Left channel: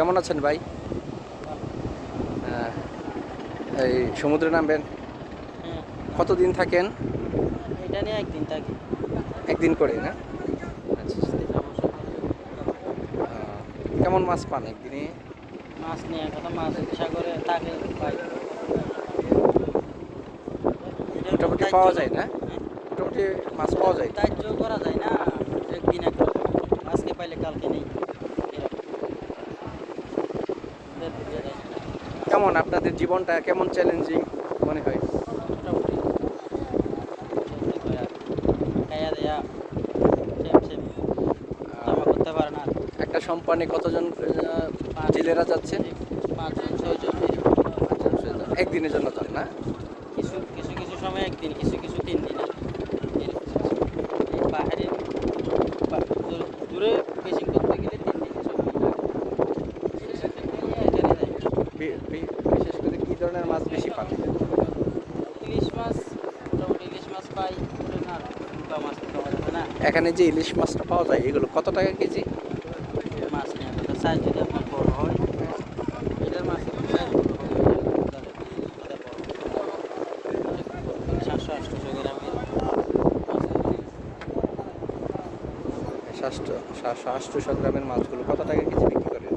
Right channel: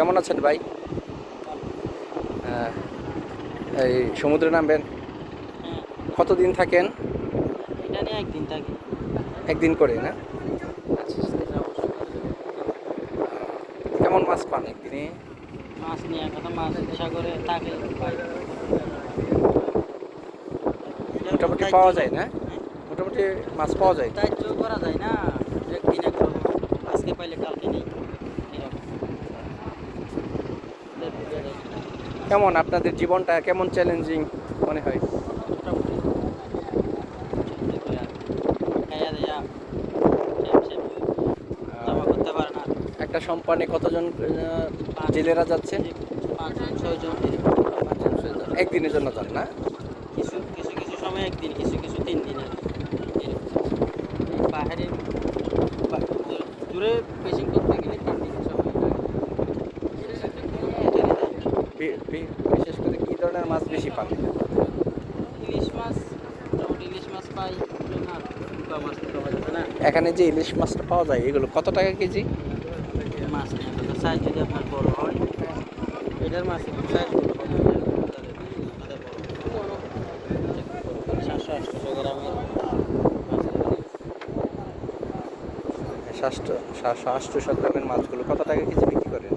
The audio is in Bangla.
কেমন আছেন ভাই? এই সমুদ্রে নামবেন। হ্যাঁ। কতদিন থাকেন? এটা একদিন থাকি। একদিন করে না? আচ্ছা কেমন মাছ পান একদিনে? মাছ নিয়ে কথা মাছ সাগরে থাকে। পাই। মোটামুটি পাওয়া যায় না? মোটামুটি মাছ পাওয়া যায়। ধার্য করা যায় না একদিন এক আজকে পাইলে কালকে নেই। কেমন আপনাদের জীবনটা, কেমন চ্যালেঞ্জিং মনে হয়? একটা সম্পানে কতজন জেলেরা যাচ্ছে? পাঁচ ছয়জন একদিনের জন্য করে না? কিছু কিছু সময় একদিন, কিছু কিছু তিন দিনে বাইরে বিশেষ করে কি ধরনের মাছ বেশি পান? ইলিশ মাছ ইলিশ মাছ পাই মাছ না। এখানে যে ইলিশ মাছটা পাওয়া যায় এগুলো কত টাকা কেজি? মাছ নিয়ে তো সাইজ থেকে আপনার বড় হয়। এটার মাছ একটু সাইজ সাতশো আটশো গ্রামের মাছগুলো কত টাকা কেজি বিক্রি করেন